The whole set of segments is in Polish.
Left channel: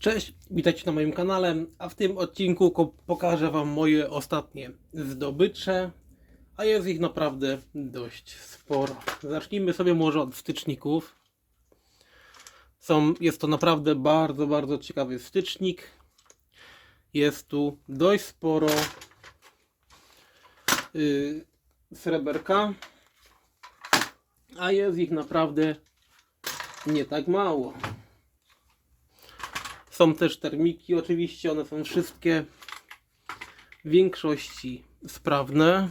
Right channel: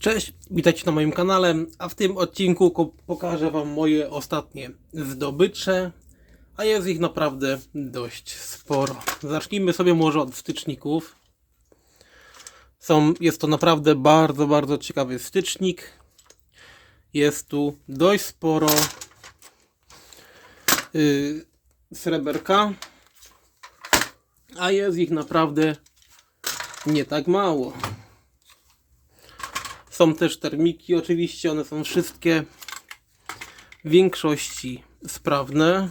Cześć, witajcie na moim kanale, a w tym odcinku pokażę Wam moje ostatnie zdobycze, a jest ich naprawdę dość sporo. Zacznijmy sobie może od styczników. Są, jest to naprawdę bardzo, bardzo ciekawy stycznik. Jest tu dość sporo yy, sreberka, a jest ich naprawdę nie tak mało. Są też termiki, oczywiście, one są wszystkie w większości sprawne,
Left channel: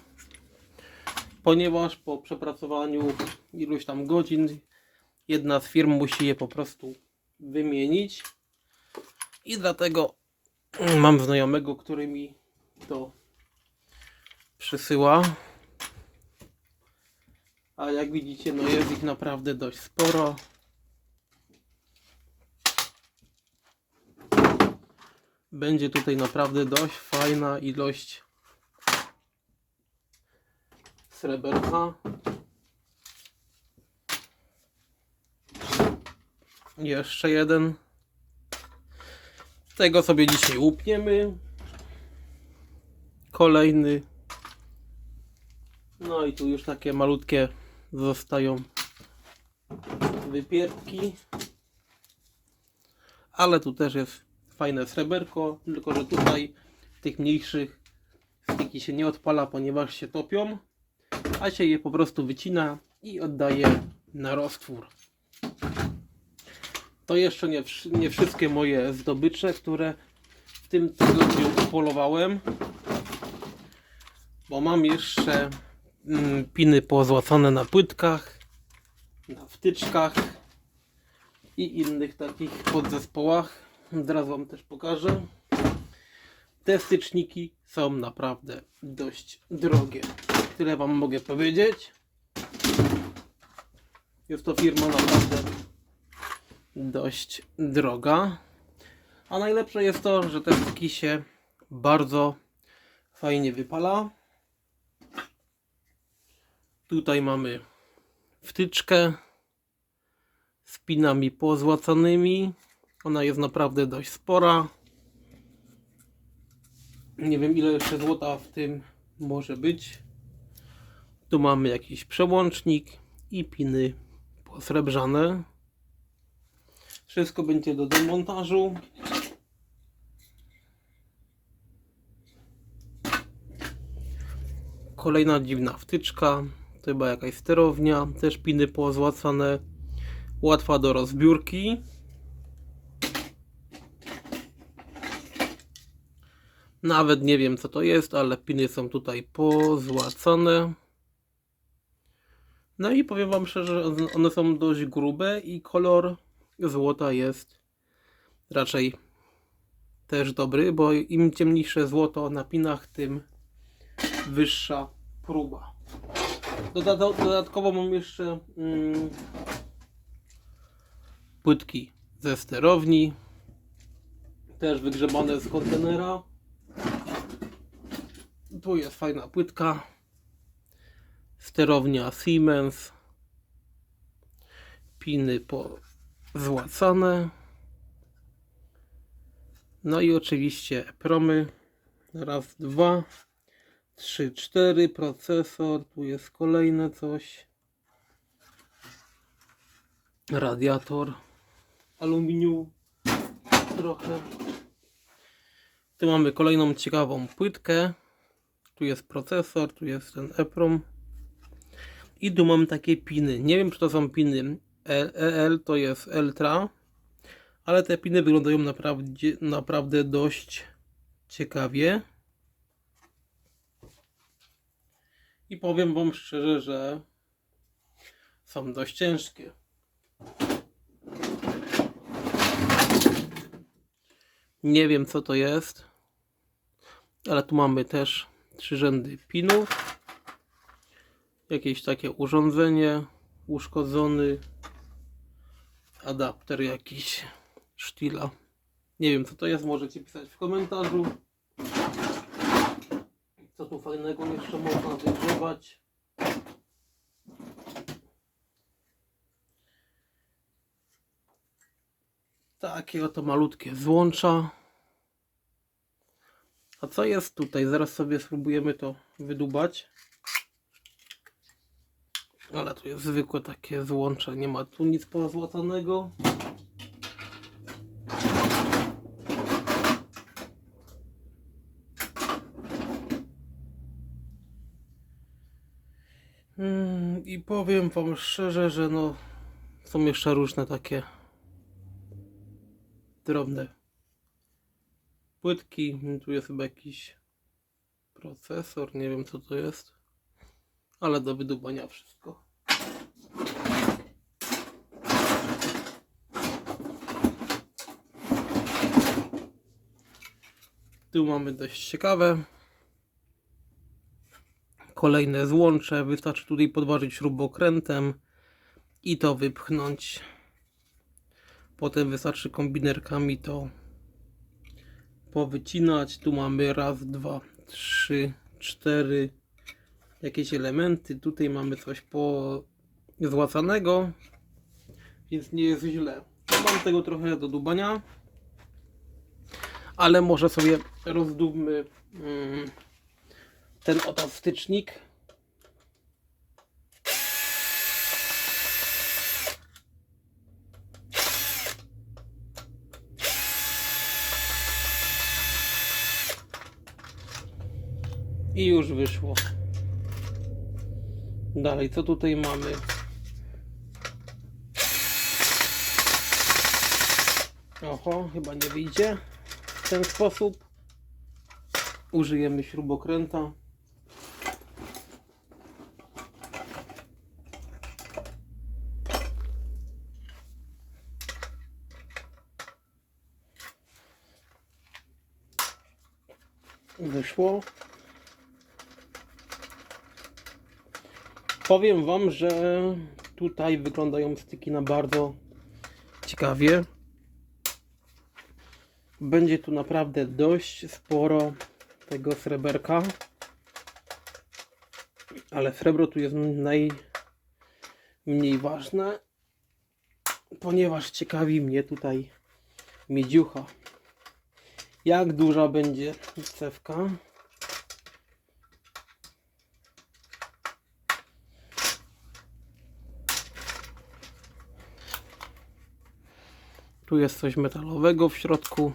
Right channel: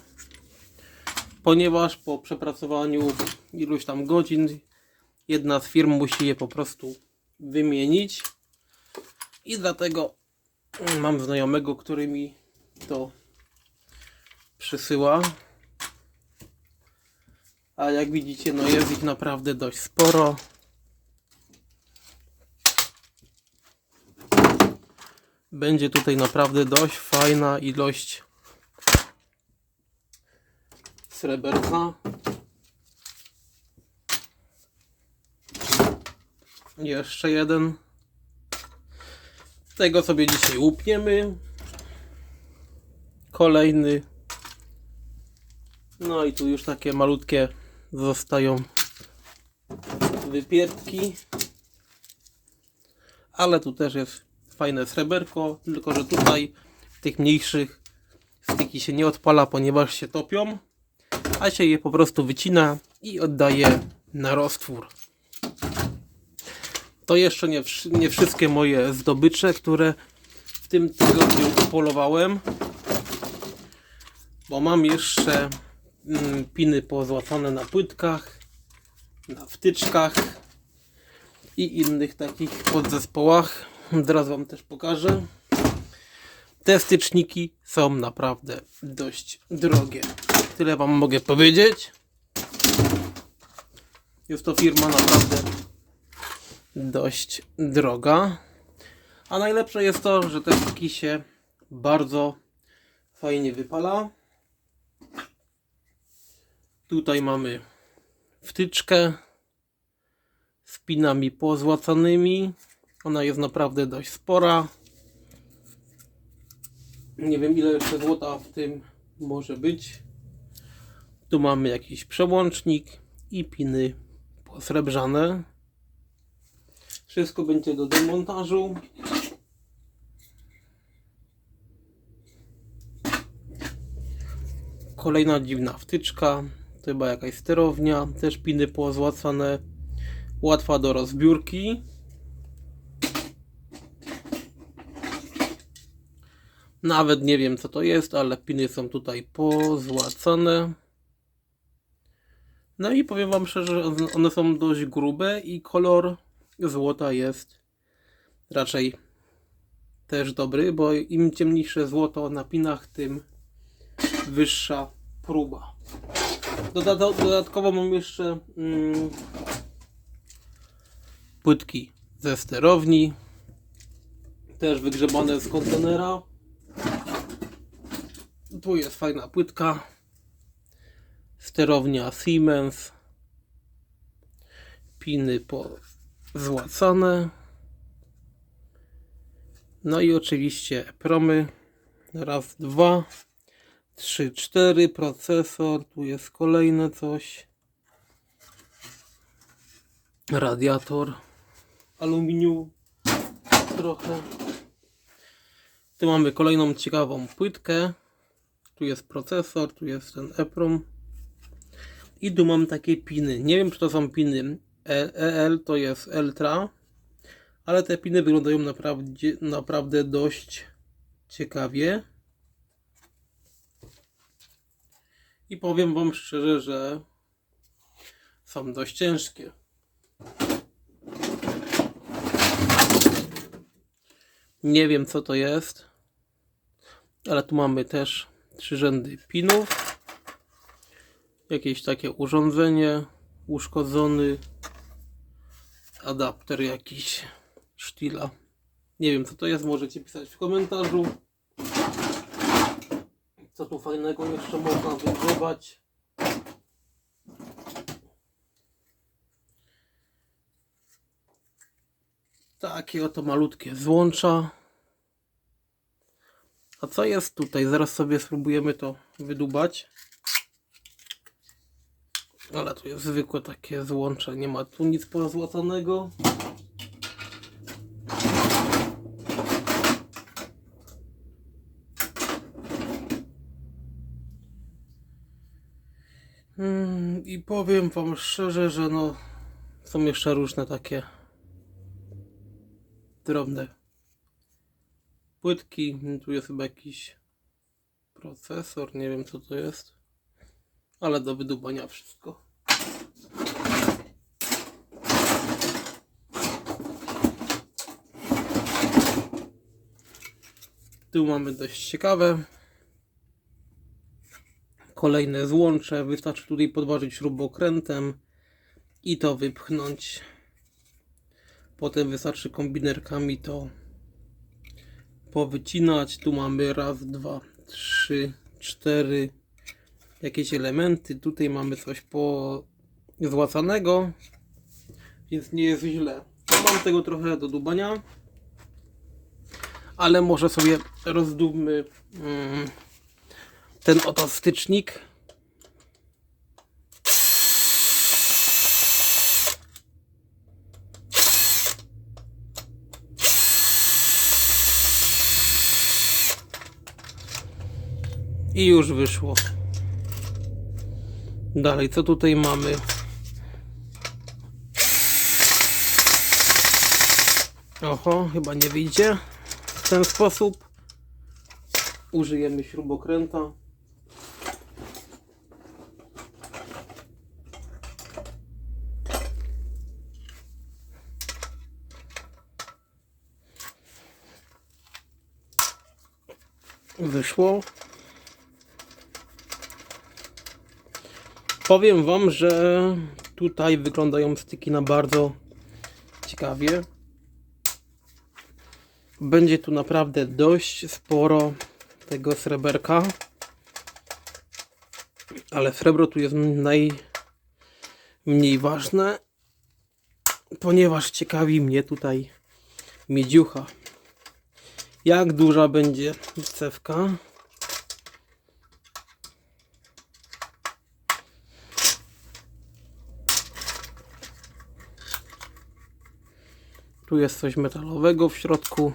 ponieważ po przepracowaniu iluś tam godzin jedna z firm musi je po prostu wymienić i dlatego mam znajomego, który mi to przysyła. A jak widzicie, no jest ich naprawdę dość sporo. Będzie tutaj naprawdę dość fajna ilość sreberka. Jeszcze jeden. Tego sobie dzisiaj łupniemy. Kolejny. No i tu już takie malutkie zostają wypierdki. Ale tu też jest fajne sreberko, tylko że tutaj tych mniejszych styki się nie odpala, ponieważ się topią, a się je po prostu wycina i oddaje na roztwór. To jeszcze nie, nie wszystkie moje zdobycze, które w tym tygodniu polowałem, bo mam jeszcze mm, piny pozłacane na płytkach, na wtyczkach i innych takich podzespołach. Teraz Wam też pokażę. Te styczniki są naprawdę dość drogie. Tyle Wam mogę powiedzieć. Jest to firma naprawdę dość droga. A najlepsze jest to, że te styki się bardzo fajnie wypala. Tutaj mamy wtyczkę z pinami pozłacanymi. Ona jest naprawdę dość spora. Nie wiem ile jeszcze złota w tym może być. Tu mamy jakiś przełącznik i piny posrebrzane. Wszystko będzie do demontażu. Kolejna dziwna wtyczka. To chyba jakaś sterownia. Też piny pozłacane. Łatwa do rozbiórki. Nawet nie wiem co to jest, ale piny są tutaj pozłacane. No i powiem Wam szczerze, że one są dość grube i kolor złota jest raczej też dobry, bo im ciemniejsze złoto na pinach, tym wyższa próba. Doda dodatkowo mam jeszcze mm, płytki ze sterowni, też wygrzebane z kontenera. Tu jest fajna płytka. Sterownia Siemens. Piny pozłacane. No i oczywiście promy. Raz, dwa, trzy, cztery. Procesor. Tu jest kolejne coś. Radiator. Aluminium. Trochę. Tu mamy kolejną ciekawą płytkę. Tu jest procesor, tu jest ten EPROM. I tu mam takie piny. Nie wiem, czy to są piny E- EL, to jest Eltra. Ale te piny wyglądają naprawdę, naprawdę dość ciekawie. I powiem Wam szczerze, że są dość ciężkie. Nie wiem co to jest, ale tu mamy też trzy rzędy pinów. Jakieś takie urządzenie, uszkodzony adapter jakiś sztila. Nie wiem co to jest, możecie pisać w komentarzu. Co tu fajnego jeszcze można wygrzewać. Takie oto malutkie złącza. A co jest tutaj? Zaraz sobie spróbujemy to wydubać. Ale tu jest zwykłe takie złącze, nie ma tu nic pozłacanego. Mm, I powiem wam szczerze, że no są jeszcze różne takie drobne płytki. Tu jest chyba jakiś procesor, nie wiem co to jest, ale do wydubania wszystko. Tu mamy dość ciekawe. Kolejne złącze. Wystarczy tutaj podważyć śrubokrętem i to wypchnąć. Potem wystarczy kombinerkami to powycinać. Tu mamy raz, dwa, trzy, cztery jakieś elementy. Tutaj mamy coś pozłacanego, więc nie jest źle. Mam tego trochę do dubania, ale może sobie rozdubmy mm, ten oto stycznik. I już wyszło. Dalej, co tutaj mamy? Oho, chyba nie wyjdzie w ten sposób. Użyjemy śrubokręta. Wyszło. Powiem Wam, że tutaj wyglądają styki na bardzo ciekawie. Będzie tu naprawdę dość sporo tego sreberka. Ale srebro tu jest najmniej ważne, ponieważ ciekawi mnie tutaj miedziucha. Jak duża będzie cewka? Tu jest coś metalowego w środku.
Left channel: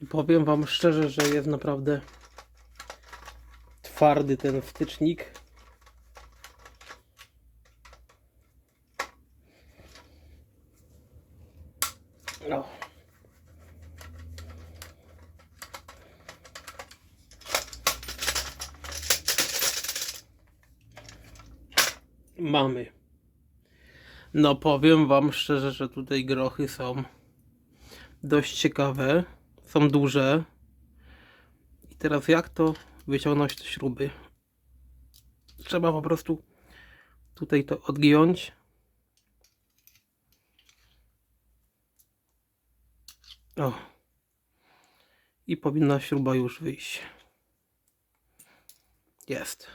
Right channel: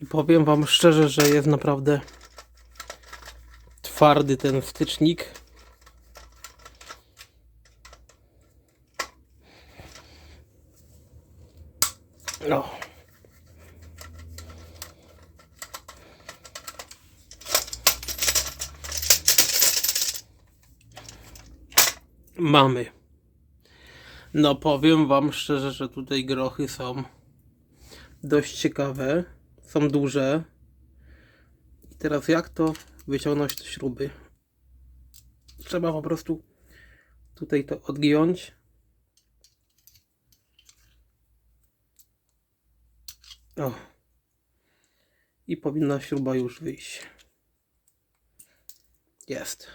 I powiem Wam szczerze, że jest naprawdę twardy ten wtycznik. No. Mamy. No powiem wam szczerze, że tutaj grochy są dość ciekawe. Są duże. I teraz jak to wyciągnąć te śruby? Trzeba po prostu tutaj to odgiąć. O. I powinna śruba już wyjść. Jest.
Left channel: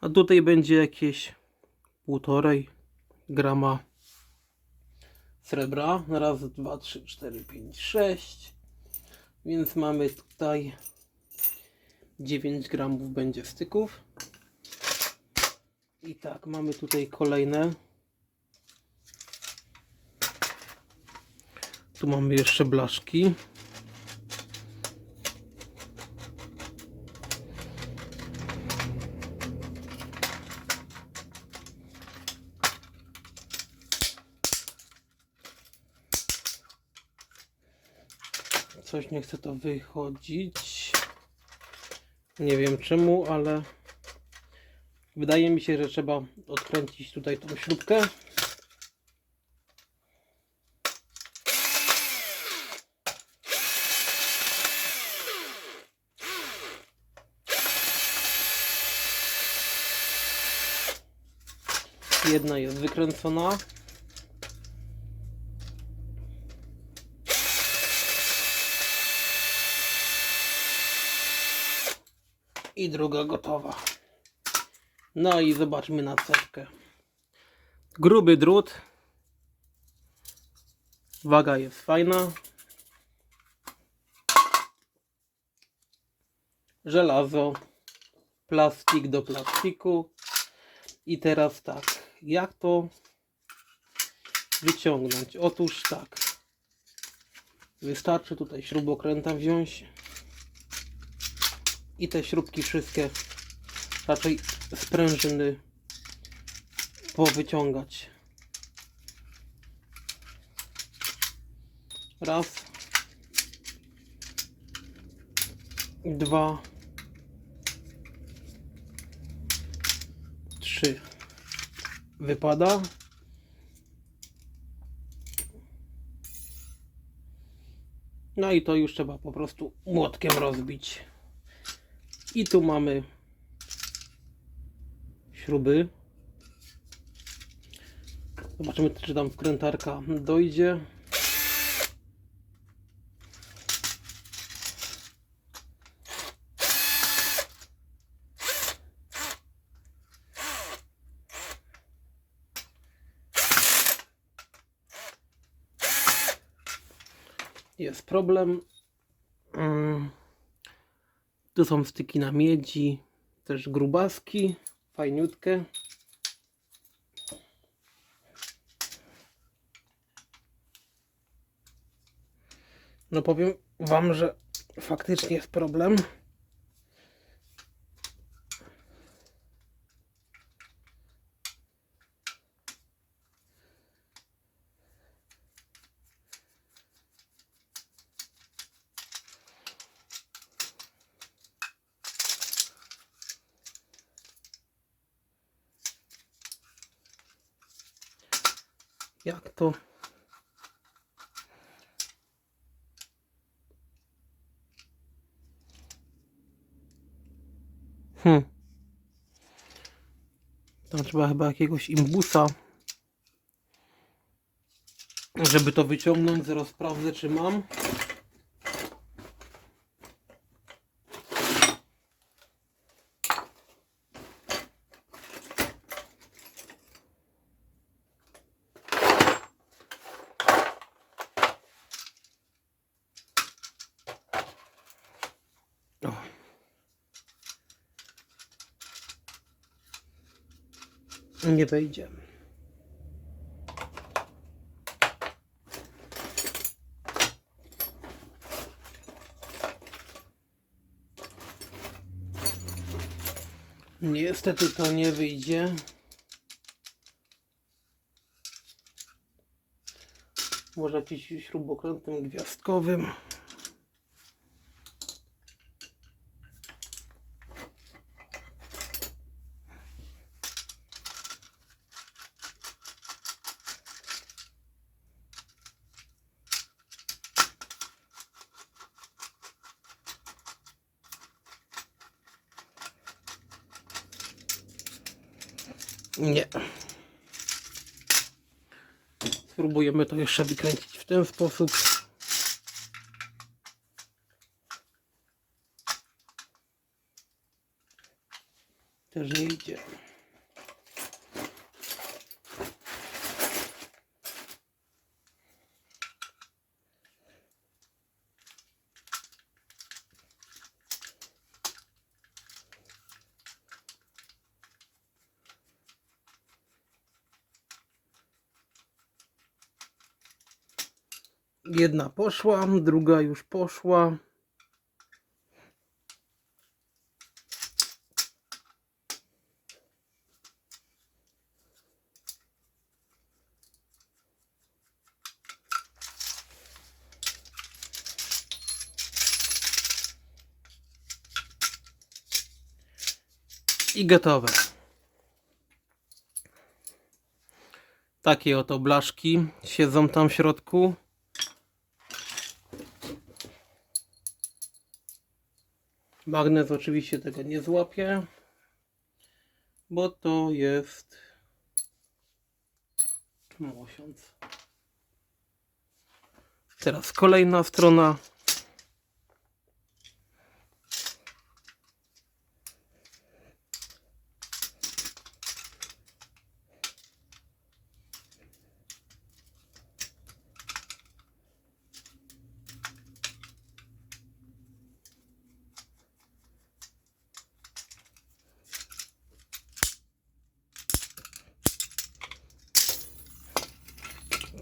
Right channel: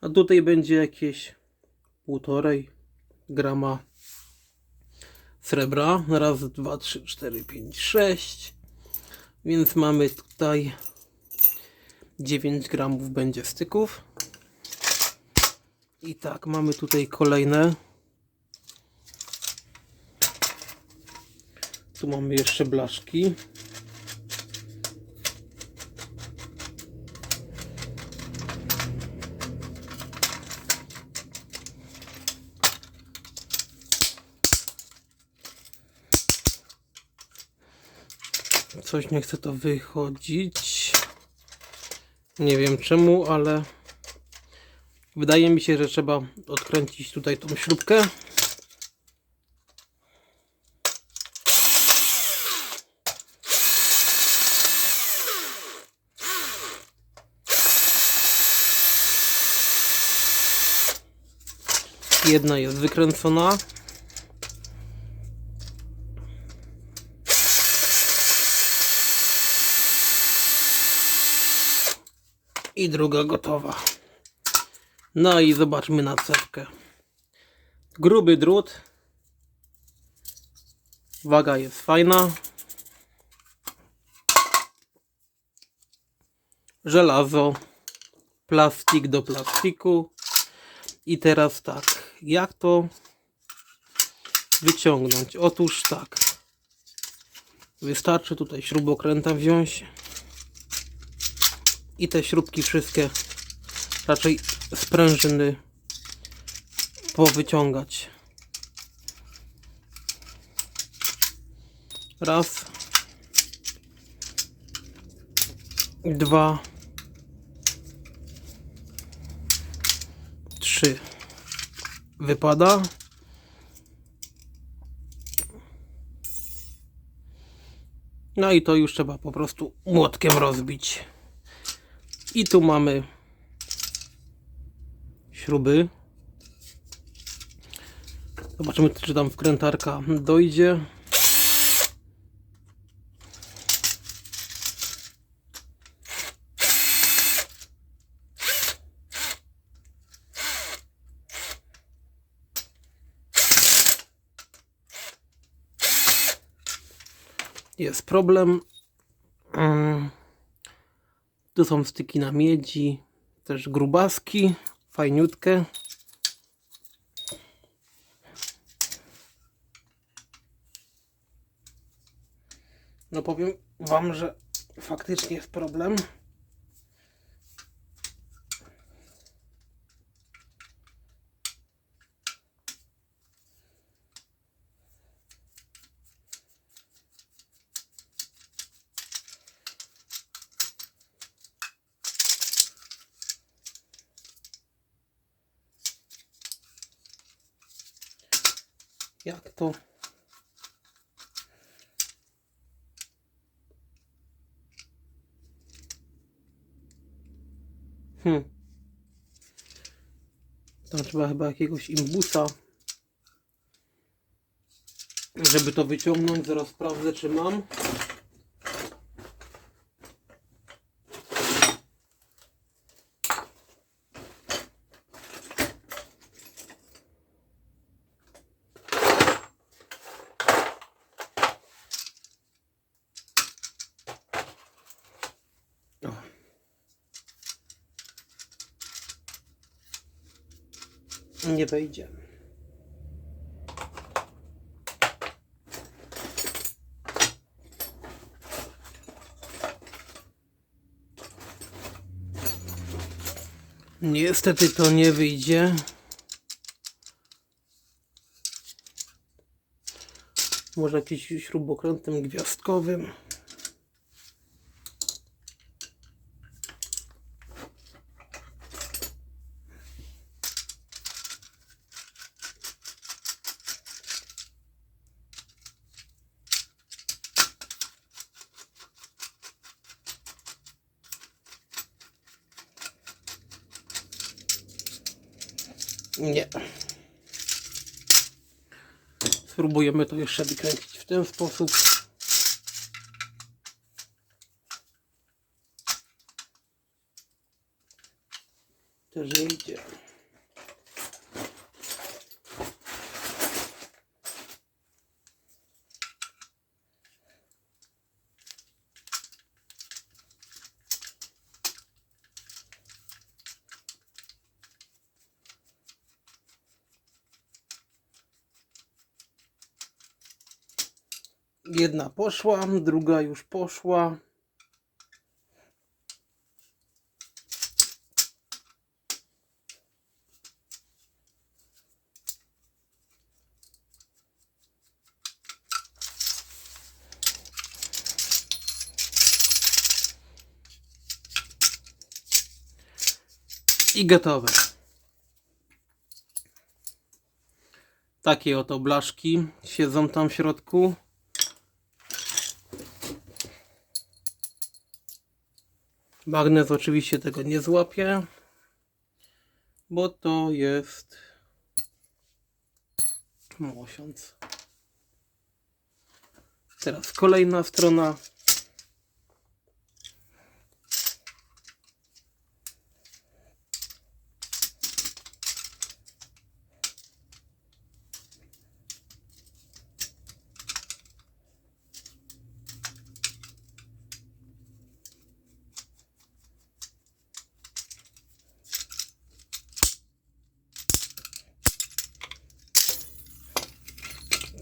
A tutaj będzie jakieś półtorej grama srebra. Raz, dwa, trzy, cztery, pięć, sześć. Więc mamy tutaj 9 gramów będzie styków. I tak, mamy tutaj kolejne. Tu mamy jeszcze blaszki. Coś nie chce to wychodzić. Nie wiem czemu, ale wydaje mi się, że trzeba odkręcić tutaj tą śrubkę. Jedna jest wykręcona. I druga gotowa. No i zobaczmy na cewkę. Gruby drut. Waga jest fajna. Żelazo. Plastik do plastiku. I teraz tak. Jak to wyciągnąć? Otóż tak. Wystarczy tutaj śrubokręta wziąć i te śrubki wszystkie raczej sprężyny powyciągać. Raz. Dwa. Trzy. Wypada. No i to już trzeba po prostu młotkiem rozbić. I tu mamy śruby. Zobaczymy, czy tam wkrętarka dojdzie. Jest problem. Tu są styki na miedzi, też grubaski, fajniutkie. No powiem Wam, że faktycznie jest problem. To? Hmm. Tam trzeba chyba jakiegoś imbusa, żeby to wyciągnąć. Zaraz sprawdzę, czy mam. O. Nie wejdzie. Niestety to nie wyjdzie. Może jakimś śrubokrętem gwiazdkowym. Nie. Spróbujemy to jeszcze wykręcić w ten sposób. Też idzie. Jedna poszła, druga już poszła. I gotowe. Takie oto blaszki siedzą tam w środku. Magnes oczywiście tego nie złapie, bo to jest mosiąc. Teraz kolejna strona.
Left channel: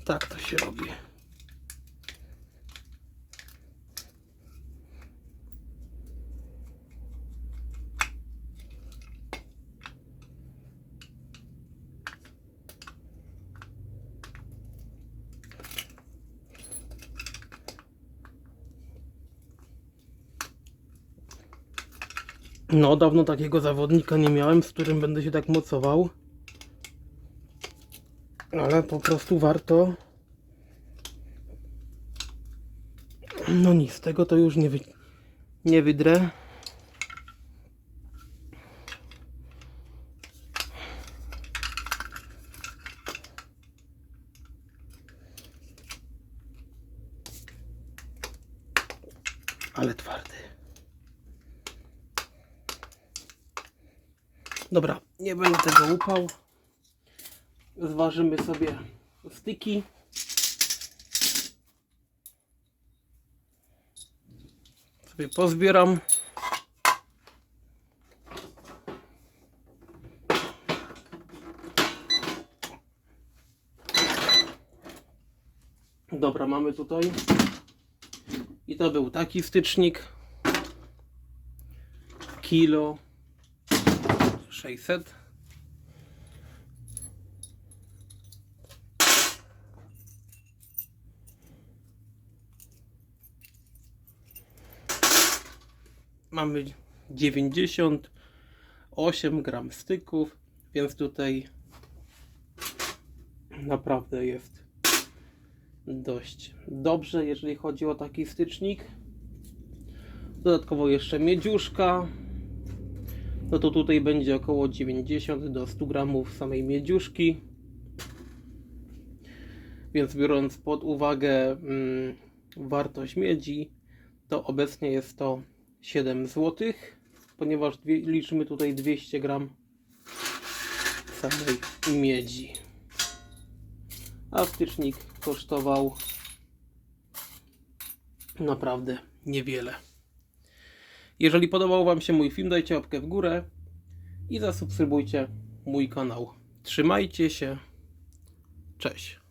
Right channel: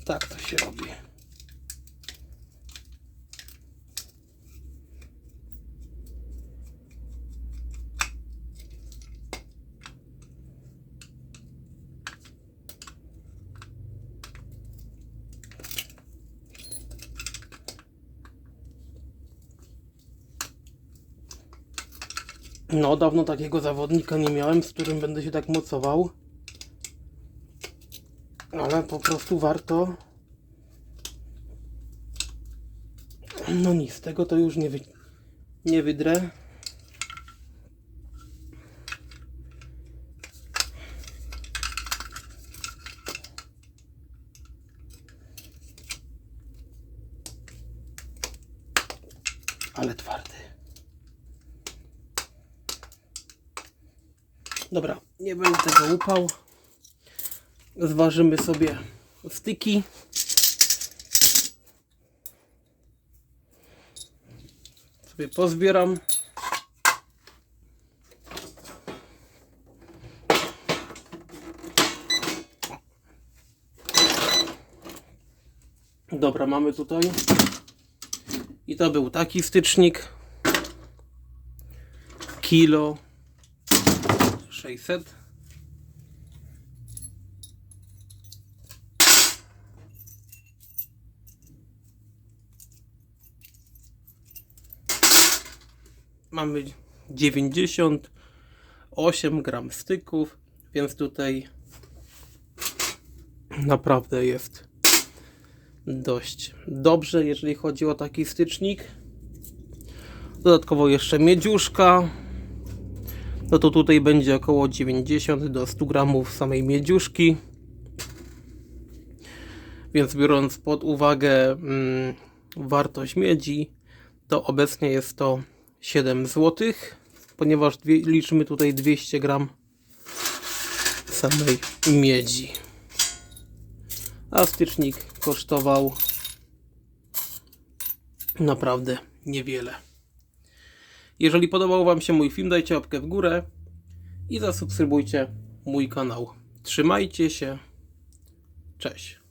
Tak to się robi. No, dawno takiego zawodnika nie miałem, z którym będę się tak mocował. Ale po prostu warto. No nic, tego to już nie, wy... nie wydrę. Ale twardy. Dobra, nie będę tego łupał. Zważymy sobie styki. Sobie pozbieram. Dobra, mamy tutaj. I to był taki stycznik. Kilo 600. Mamy 98 gram styków, więc tutaj naprawdę jest dość dobrze, jeżeli chodzi o taki stycznik. Dodatkowo jeszcze miedziuszka. No to tutaj będzie około 90 do 100 gramów samej miedziuszki. Więc biorąc pod uwagę mm, wartość miedzi, to obecnie jest to 7 zł, ponieważ dwie, liczymy tutaj 200 gram samej miedzi. A stycznik kosztował naprawdę niewiele. Jeżeli podobał Wam się mój film, dajcie łapkę w górę i zasubskrybujcie mój kanał. Trzymajcie się. Cześć.